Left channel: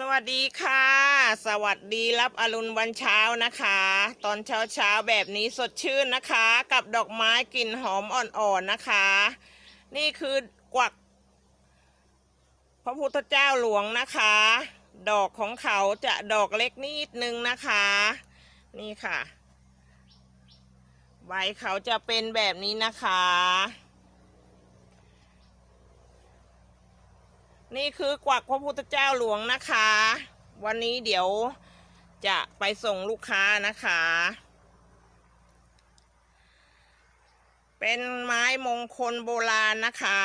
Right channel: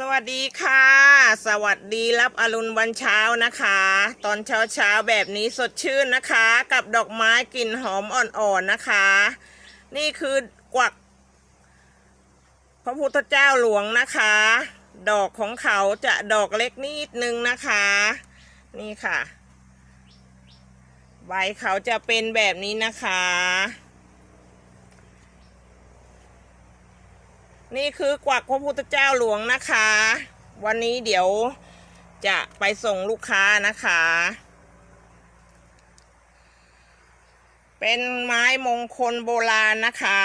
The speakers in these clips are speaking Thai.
สวัสดีค่ะ สวัสดีรับอรุณวันเช้านะคะ ตอนเช้าเช้าแบบนี้สดชื่นนะคะ กับดอกไม้กลิ่นหอมอ่อนๆนะคะ นี่คือกวัก พระพุทธเจ้าหลวงนะคะ ดอกของเขาจะดอกเล็กนิดนึงนะคะ นี่ค่ะ ใบเขาจะเป็นแบบนี้นะคะ นี่คือกวักพระพุทธเจ้าหลวงนะคะ วันนี้เดี๋ยวจะไปส่งลูกค้านะคะ เป็นไม้มงคลโบราณนะคะ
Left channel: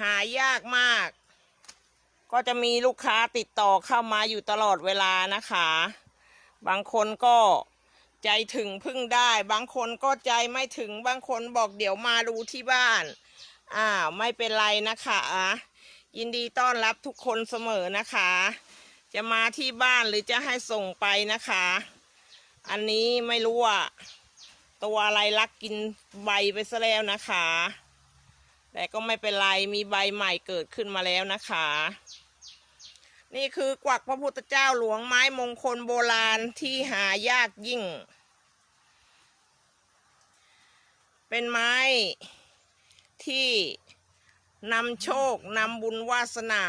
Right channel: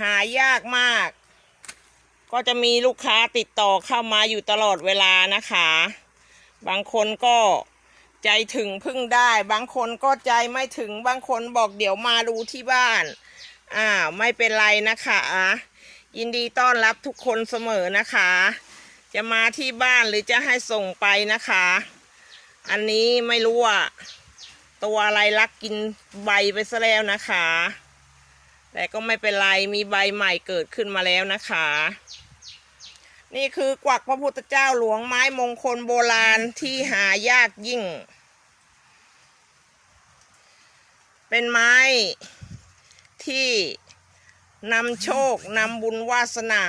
หายากมาก ก็จะมีลูกค้าติดต่อเข้ามาอยู่ตลอดเวลานะคะ บางคนก็ใจถึงพึ่งได้ บางคนก็ใจไม่ถึง บางคนบอกเดี๋ยวมาดูที่บ้าน อ่า ไม่เป็นไรนะคะ ยินดีต้อนรับทุกคนเสมอนะคะ จะมาที่บ้านหรือจะให้ส่งไปนะคะ อันนี้ไม่รู้ว่า ตัวอะไรลักกินใบไปซะแล้วนะคะ แต่ก็ไม่เป็นไรมีใบใหม่เกิดขึ้นมาแล้วนะคะ นี่คือกวักพระพุทธเจ้าหลวงไม้มงคลโบราณที่หายากยิ่ง เป็นไม้ที่ นำโชคนำบุญวาสนา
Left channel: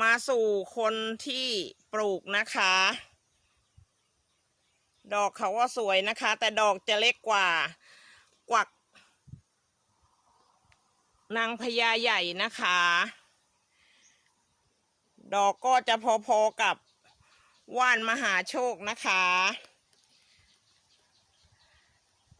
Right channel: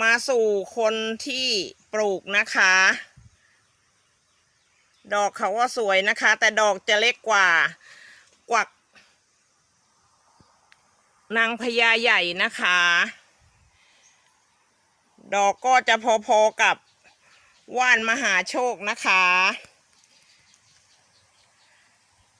มาสู่คนที่ปลูกนะคะ ดอกเขาก็สวยนะคะ แต่ดอกจะเล็กกว่ากวัก นางพญาใหญ่นะคะ ดอกก็จะพอๆกับว่านมหาโชคนะคะ